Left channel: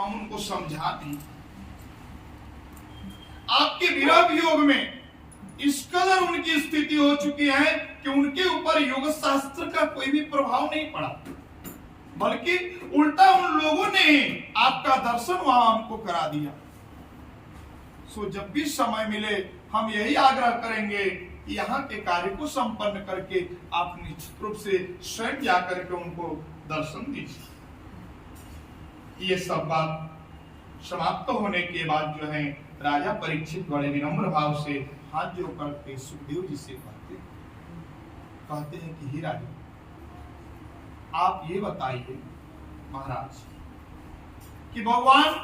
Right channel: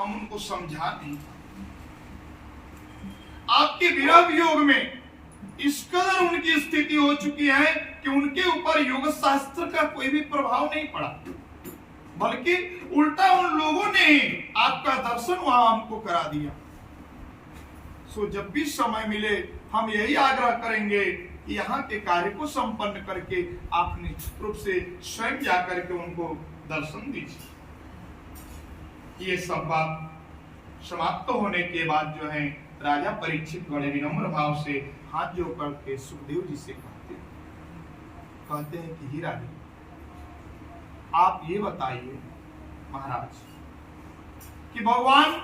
हम उनको समझा नहीं पाए। आपके विरह वियोग में इस कदर उनकी स्थिति हो चुकी है कि उनके ऊपर योग शास्त्र का कोई भी प्रभाव नहीं पड़ा, बल्कि उल्टा उन लोगों ने आपका दर्शन वहां हमको करा दिया। सो जब भी समय मिले हम यही आग्रह करेंगे कि यहाँ के कार्य को संपन्न करके आप निश्चित रूप से स्वयं जाकर के उनको दर्शन दीजिए। ये सब बात समाप्त होने के बाद जो है राजा परीक्षित बड़े विनम्र भाव से हाथ जोड़ करके सुखदेव जी से कहते हैं कि ही राजा, आप ये बताइए महाराज कि भगवान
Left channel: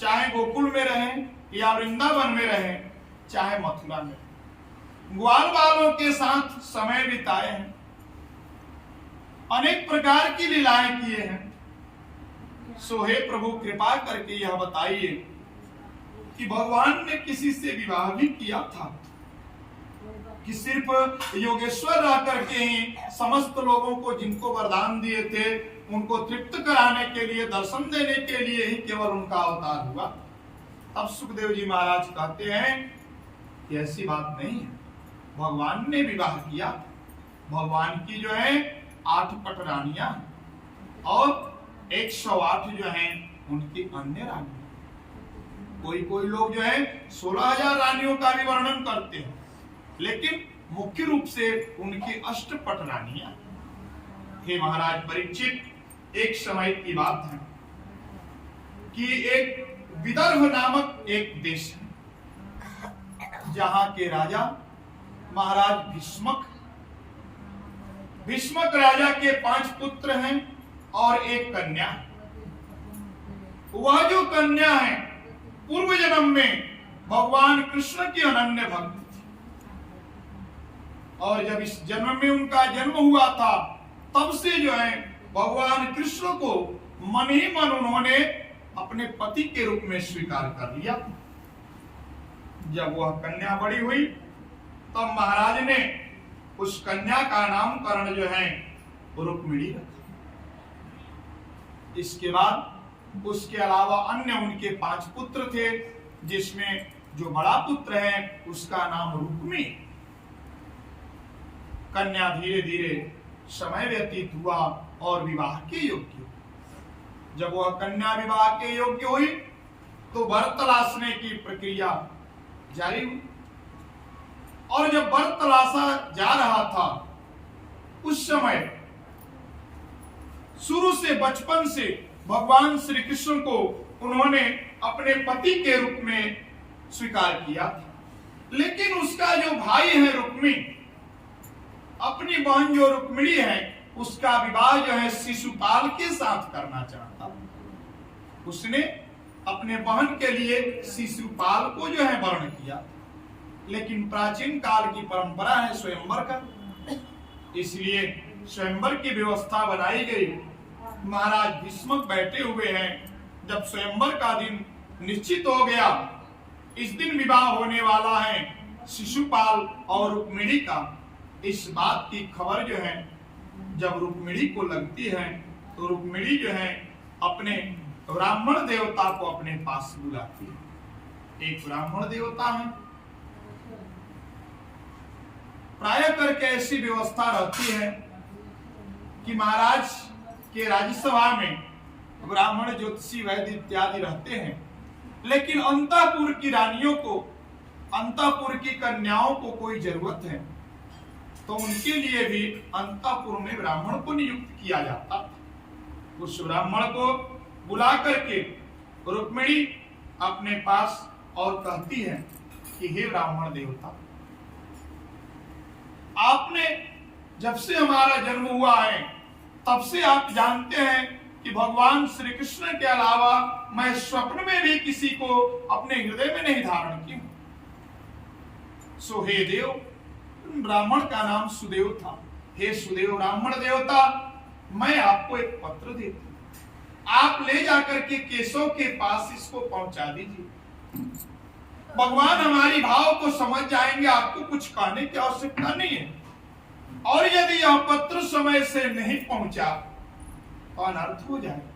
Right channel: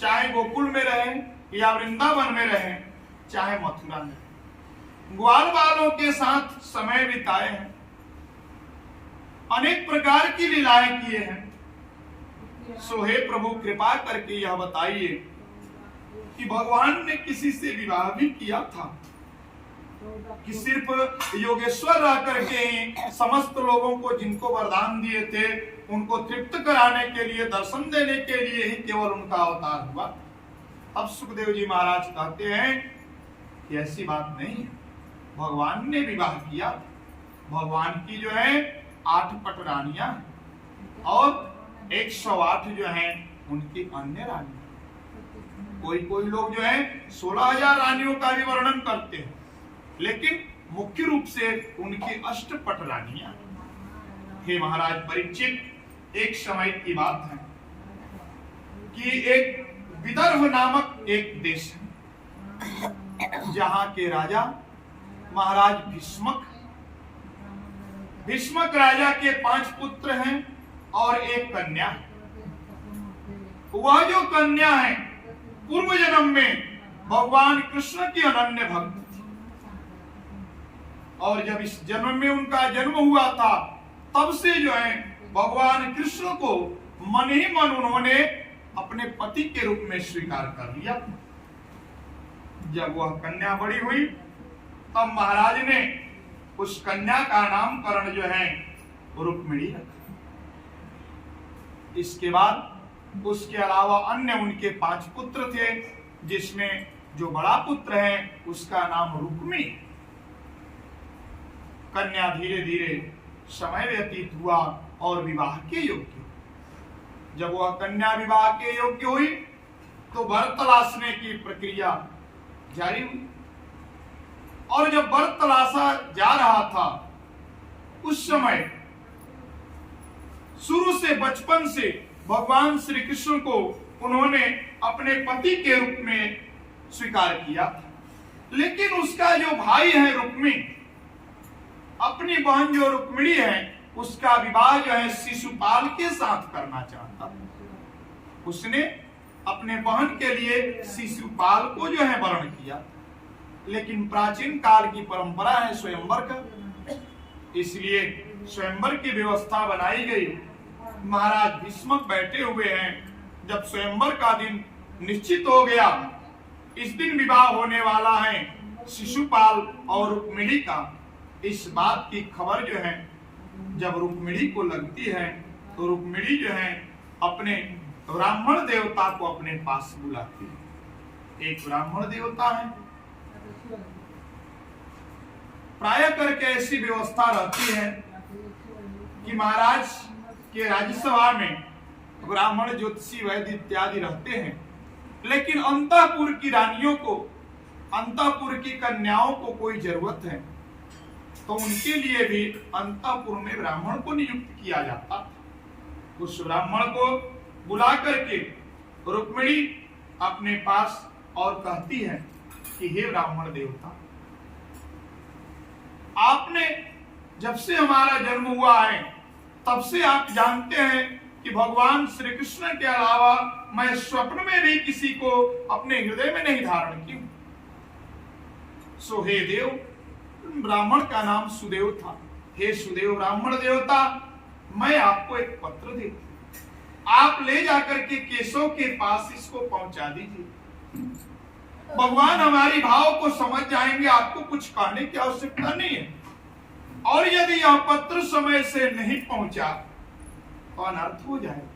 चाहे गोकुल में रहें या वृंदावन में रहें, चाहे मथुरा में, ग्वाल बालों के साथ समय बिताए हैं, अनेक प्रकार की लीलाएं किए हैं। सो हे प्रभु कृपा करके यह बताइए कि भगवान ने किसी से विवाह भी किया था कि सिर्फ योगेश्वर रह करके ही समस्त लोगों को जिनको वरदान दिए थे उनको तृप्त कराने के लिए, दर्शन देने के लिए ही केवल उनका अवतार हुआ। अब सुखदेव जी महाराज कहते हैं कि ऐसी बात नहीं है, भगवान ने विवाह किया। भगवान की जो है 8 पटरानियां हैं और 108 जो हैं उनकी अन्य रानियां। कोई लोग जो है 16,000 रानियों का भी वर्णन करते हैं, लेकिन मुख्य रूप से उनकी 8 पटरानियां। हे महाराज परीक्षित, एक समय की बात है कि एक विदर्भ नामक एक देश है जहां के राजा महाराज भीष्मक राजा के 5 पुत्र हैं और एक कन्या है। वह जो कन्या है पूर्व जन्म में भगवान कृष्ण की अनन्य भक्त थी और जब इस जन्म में उनका जन्म हुआ था तब से जो है भगवान कृष्ण को मन ही मन उन्होंने अपने पति के रूप में स्वीकार कर लिया। जब वह कन्या बड़ी हुई तब महाराज ने उस कन्या का नामकरण जो है रुक्मिणी रखा। इसके बाद उसके अलावा अन्य उनके 5 पुत्र थे, जिसमें जो बड़ा पुत्र है उसका नाम रुक्मी। कन्या धीरे धीरे समय व्यतीत हुआ और विवाह के योग्य। जब वह कन्या विवाह के योग्य हुई तो वर तलाशने की प्रक्रिया जारी हुई और जब वर तलाशा जा रहा था उस समय शुरू से बचपन से भगवान श्री कृष्ण को उन्होंने अपने पति के रूप में स्वीकार किया था, लेकिन उसका जो भाई है रुक्मी, अपनी बहन जो रुक्मिणी है उसका विवाह जो है शिशुपाल के साथ करना चाहता। उसने अपने बहन के लिए शिशुपाल को जो है वर्ण किया, लेकिन प्राचीन काल की परंपरा है स्वयंवर का, इसलिए स्वयंवर की व्यवस्था बनाई गई। महाराज भीष्मक बैठे हुए हैं, जब स्वयंवर का दिन निश्चित हो गया, इस दिन विवाह होने वाला है शिशुपाल और रुक्मिणी का। इस बात की खबर जो है जब रुक्मिणी को लगती है तो रुक्मिणी जो है अपने ब्राह्मण देवता को अपने पास बुलाती है। एक ब्राह्मण देवता है, प्राय करके ऐसी व्यवस्था रहती है कि महाराज के राज्यसभा में ब्राह्मण ज्योतिषी वैद्य इत्यादि रहते हैं, लेकिन अंतःपुर की रानियों को, अंतःपुर की कन्याओं को कोई जरूरत है तो उनके लिए भी अंतःपुर में ब्राह्मण को नियुक्त किया जाता था। उस ब्राह्मण को बुला करके रुक्मिणी अपने पास और कहती है कि हे ब्राह्मण देवता, आपने जब से हमारा जन्म हुआ है तब से आप जानते हैं कि भगवान श्री कृष्ण के अलावा मैं स्वप्न में भी किसी को अपने हृदय में नहीं धारण किया। सो हे देव, ब्राह्मण का नाम सुदेव था। हे सुदेव ब्राह्मण देवता, मैं आपको एक पत्र देती हूं, आप ले जाकर के केशव के पास इसको पहुंचा दीजिए। भगवान हमारी भाव को समझ जाएंगे, आपको कुछ कहने की आवश्यकता नहीं है। और यदि यह पत्र समय से नहीं पहुंचा तो अनर्थ हो जाएगा।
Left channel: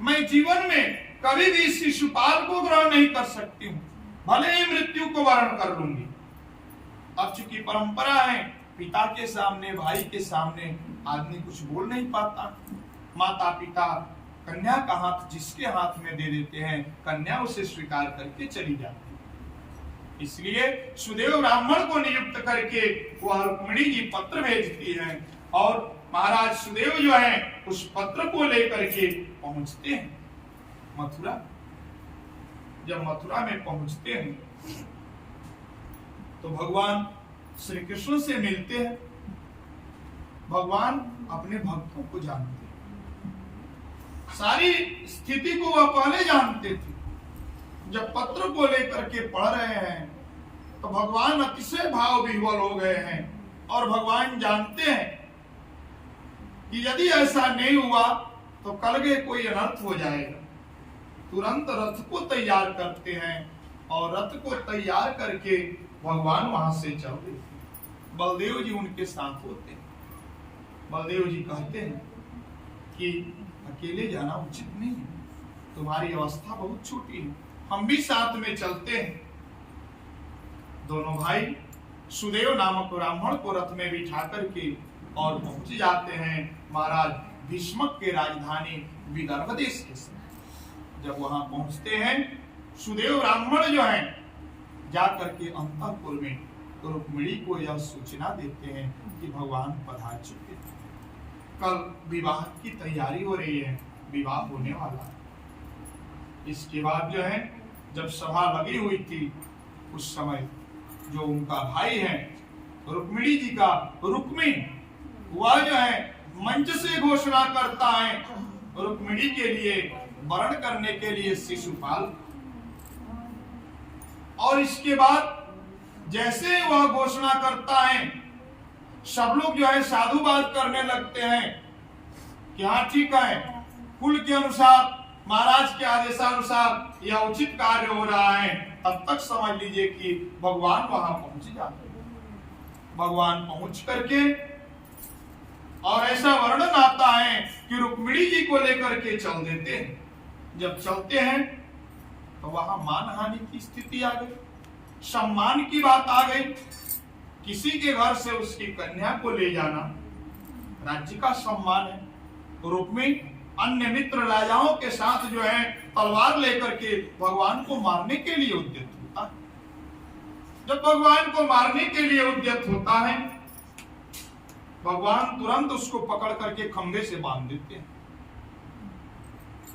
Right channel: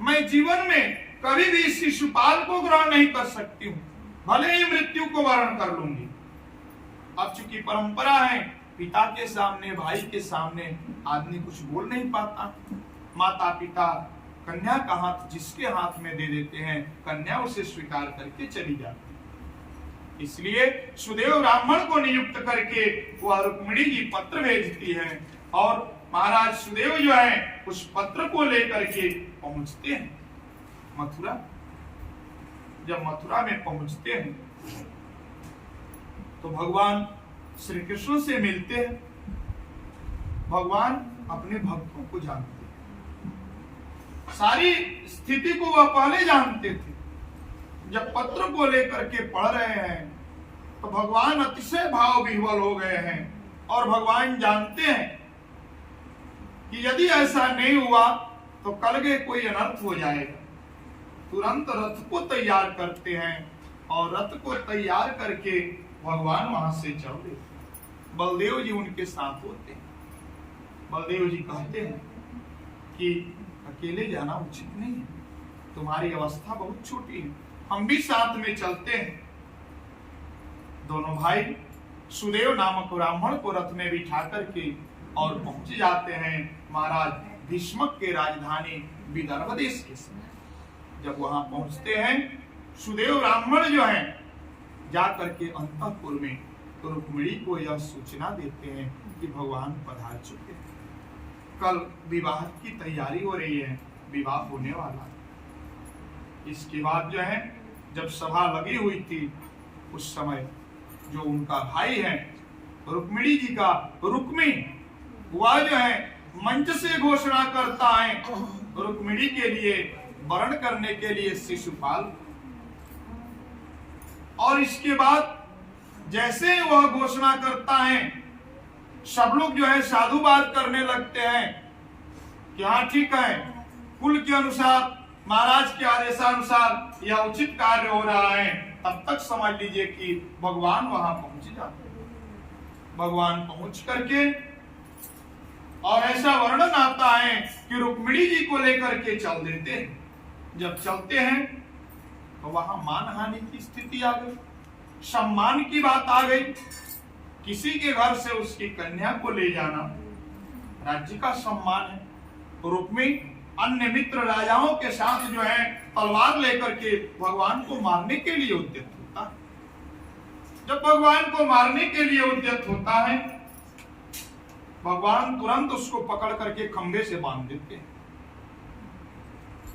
मैं मैं जीवन में कभी भी शिशुपाल को ग्रहण नहीं कर सकती हूँ, भले ही मृत्यु को वरण कर लूंगी। अब चूंकि परंपरा है, पिता के सामने, भाई के सामने आदमी कुछ बोल नहीं पाता। माता पिता कन्या का हाथ जिसके हाथ में दे देते हैं, कन्या उसे स्वीकार करके चली जाती है। इसलिए सुदेव ब्राह्मण को नियुक्त करके वह रुक्मिणी जी पत्र भेजती है और महाराज सुदेव जो है उस पत्र को लेकर के पहुंचते हैं मथुरा। जब मथुरा में पहुंचते हैं तो भगवान श्री कृष्ण से मिलते हैं। भगवान अपने भक्तों को जानते हैं, सारी स्थिति को वह पहले जानते थे। जब पत्र को लेकर के पढ़ रहे हैं तो भगवान अतिशय भाव विह्वल हो गए हैं और भगवान जानते हैं कि यदि ऐसा नहीं हुआ तो कल के कोई अनर्थ हो जाएगा। तुरंत रथ को तैयार करते हैं और रथ को तैयार करके भगवान वहां से चल देते हैं। बलदेव जी उनके साथ होते हैं। बलदेव जी कहते हैं कि अकेले जाना उचित नहीं है, तुम्हारी अवस्था बहुत छोटी है, हम भी साथ में चलते हैं। दोनों भाई सुदेव नामक ब्राह्मण को रथ में बिठा करके और पहुंच जाते हैं महाराज भीष्मक के राजधानी विदर्भ देश के समय। जब वहां पहुंचते हैं, सुदेव ब्राह्मण जो हैं जाकर के अंतःपुर में रुक्मिणी को यह सूचना देते हैं कि भगवान पधार चुके हैं, कल विवाह की तैयारी हो रही है, विवाह होने वाला है। इसके बाद जो है जब सभा लगी हुई थी उस समय जो उनका भाई है रुक्मिणी जी का रुक्मी, वह जो है मंच से घोषणा करता है रुक्मिणी के लिए वरण करने के लिए शिशुपाल। और इसके बाद जैसे वह घोषणा करता है सब लोग जो है साधुवाद करने लगते हैं कि हाँ ठीक है, कुल के अनुसार महाराज के आदेशानुसार यह उचित कार्य हो रहा है। तब तक समझ लीजिए कि भगवान वहां पहुंच जाते हैं। भगवान पहुंच करके और ऐसा वर्णन आता है कि रुक्मिणी जी को लेकर के चल देते हैं। जब चलते हैं तो वहां मानहानि की स्थिति आ गई, सम्मान की बात आ गई। किसी के घर से उसकी कन्या को ले जाना राज्य का सम्मान है। रुक्मी अन्य मित्र राजाओं के साथ जो है तलवार लेकर के भगवान को मारने के लिए उद्यत होता है। जब भगवान को मारने के लिए उद्यत होता है, भगवान तुरंत उसको पकड़ करके खंभे से बांध देते हैं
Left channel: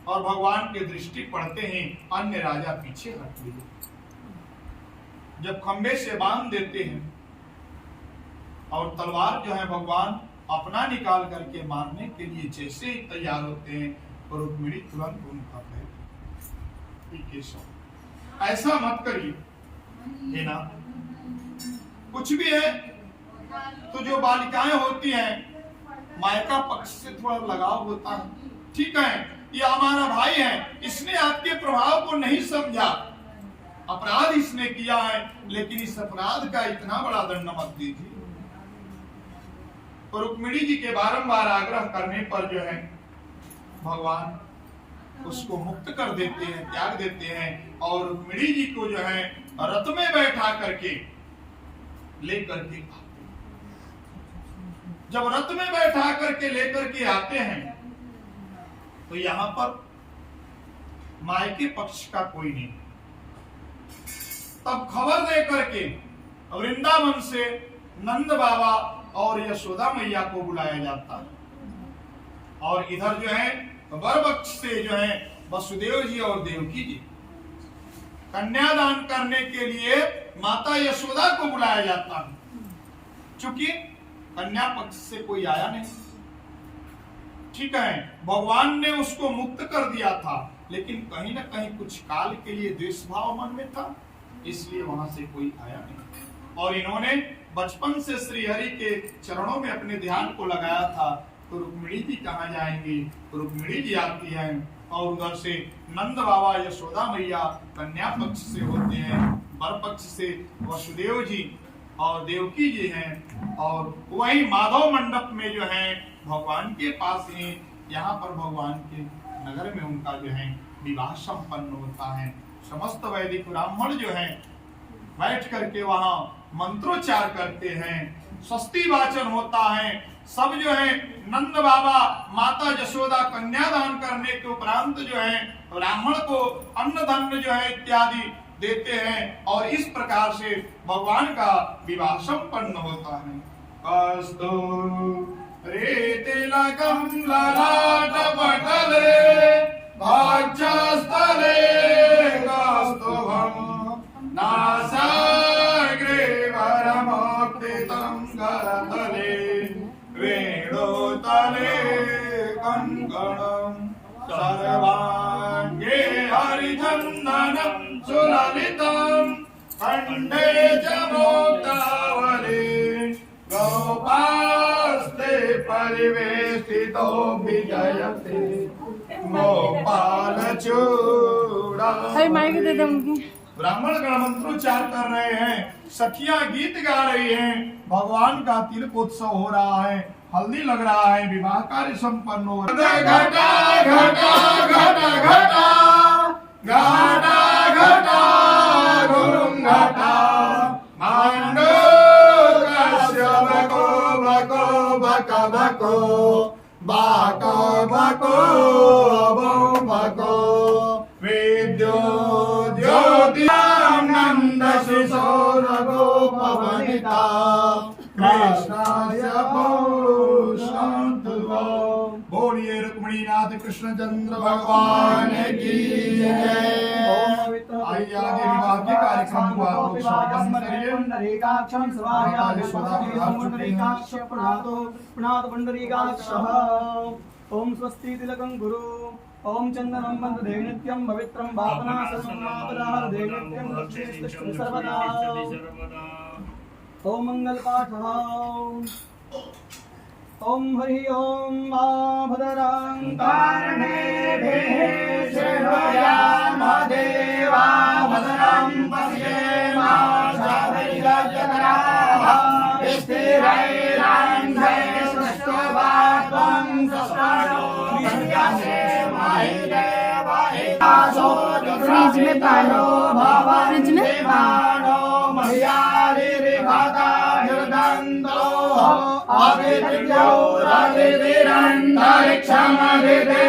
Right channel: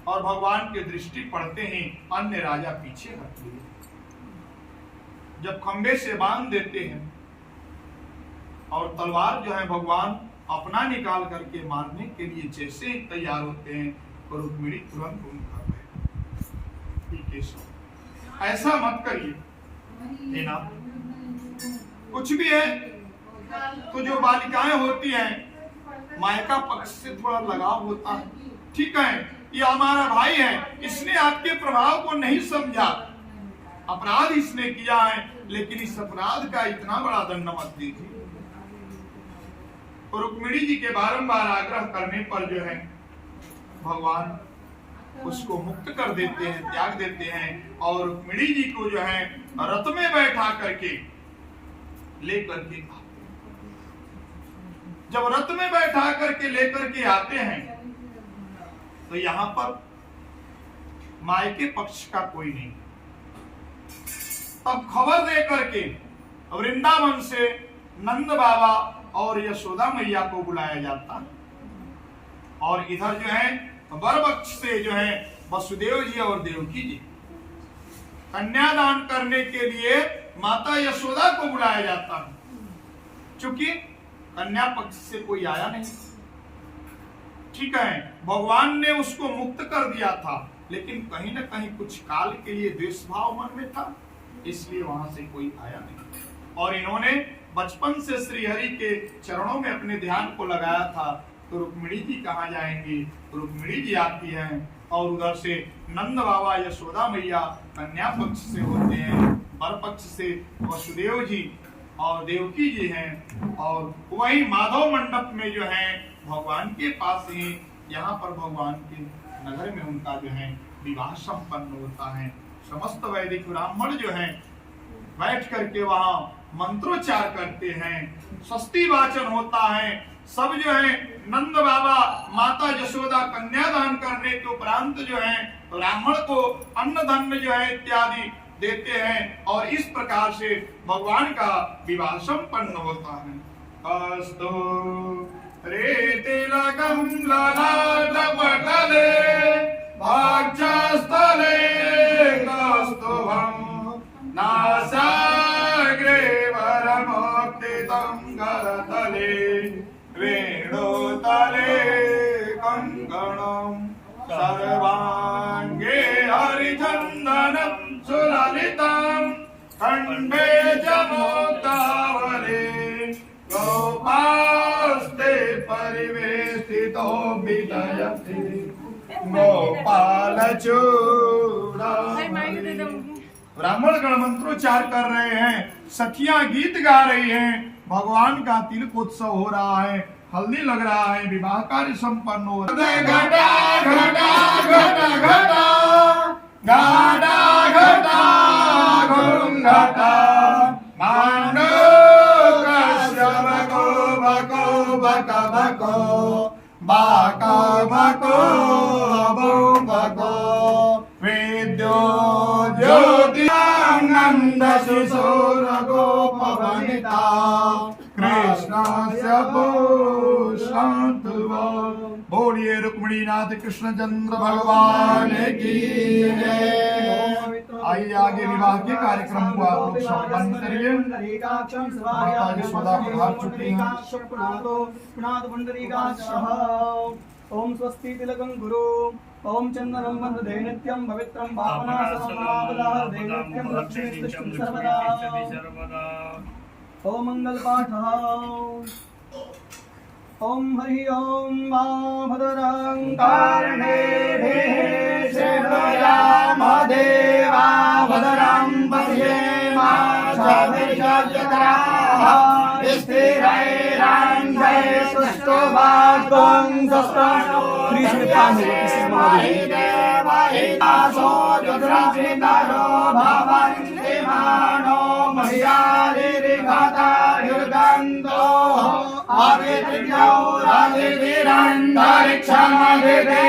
और भगवान के दृष्टि पड़ते ही अन्य राजा पीछे हट गए। जब खंभे से बांध देते हैं और तलवार जो है भगवान अपना निकाल करके मारने के लिए जैसे ही तैयार होते हैं, रुक्मिणी तुरंत उनका पैर, ऐसा मत करिए, है ना। कुछ भी है तो जो बालिकाएं होती हैं मायका पक्ष से थोड़ा लगाव होता है, ठीक है, ये हमारा भाई है, इसने आपके प्रभाव को नहीं समझा, अपराध इसने किया है, लेकिन इस अपराध का इतना बड़ा दंड मत दीजिए। रुक्मिणी जी के बारंबार आग्रह करने पर जो है भगवान उसको मुक्त कर देते हैं, त्याग देते हैं और रुक्मिणी जी को जो है रथ में बैठा करके लेकर के आते हैं। जब रथ में बैठा करके लेकर के आते हैं तो यहां पर मायके पक्ष का कोई नहीं। तब खबर दे करके वृंदावन से नंद बाबा और यशोदा मैया को बुलाया जाता है और इधर जो है वर पक्ष से जो है वसुदेव जी और देवकी जी, कन्यादान करने के लिए माता यशोदा को बुलाया जाता है। चूंकि कन्या पक्ष से कोई आया नहीं, ठीक है, भगवान ने उसको मुक्त कर दिया था, लेकिन कहीं ना कहीं कुछ काल के लिए द्वेष भाव मन में था, इसलिए वहां से कोई आया नहीं। और इन्होंने बचपन से श्री हरि के चरणों में अपने ध्यान को लगाया था, तो रुक्मिणी जी कहाँ जाएंगी। रुक्मिणी जी आती हैं और उधर से नंद बाबा यशोदा मैया कन्या पक्ष से होते हैं, वर पक्ष से वसुदेव जी और देवकी जी हैं और वही माधव मंडप में जो है भगवान के पास ही यहाँ पर भगवान के नगर में उनका जो है विवाह संपन्न होता है। समस्त वैदिक ब्राह्मण जो है बैठ करके वहां मंत्रोच्चार करते हैं, स्वस्ति वाचन होता है। सब जो है नंद बाबा माता यशोदा कन्यादान करने के उपरांत जो है ब्राह्मण को अन्न धन जो है इत्यादि देते हैं और इस प्रकार से भगवान का विवाह संपन्न होता है। अस्तु रे तिलकं ललाटपटले भाग्यस्थले कौस्तुभं नासाग्रे वरमोक्तितं करतले वेणुतले कंकणं सर्वांगे हरिचन्दनं सुललितं कंठे च मुक्तावली गोपास्ते परिवेष्टितो विजयते गोपालचूड़ा। ब्राह्मण गण मंत्रोच्चार कर रहे हैं, सखियां गीत गा रही हैं, भगवान का तिलकोत्सव हो रहा है, हल्दी लग रहा है, विवाह कार्य संपन्न हो रहा है। घटा घटा घटा घटा घटा घटा घटा मांडो कश्यप को बको बक बको बाको बको बो बको विद्यो ज्योतिरानंद शिशोर गोपवनिता कृष्णाय शांतवा। बोलिए रुक्मिणी नाथ कृष्ण चंद्र भगवान की जय। आइए आगे विवाह के कार्यक्रम को आप लोग संपन्न करिए। ओम स्वस्ति तिलकं गुरु ओम चंदनं वन्दे नित्यं पवित्रं भावनासमापदादे नित्यं लक्ष्मीस्तुष्टं सर्वदा। ओम मंगल पाठः ओम हरि ओम मा भद्रं कर्णेभिः शृणुयाम देवा भद्रं पश्येमाक्षभिर्यजत्राः स्थिरैरन्धैस्तुष्टुवाग्ं सस्तानो महि देवहितासो दुर्रक्षितयो भवन्ति मानो मह्यारिर्घता निर्गन्धो अविद्यो राजितिरन्तरिक्षमभिदे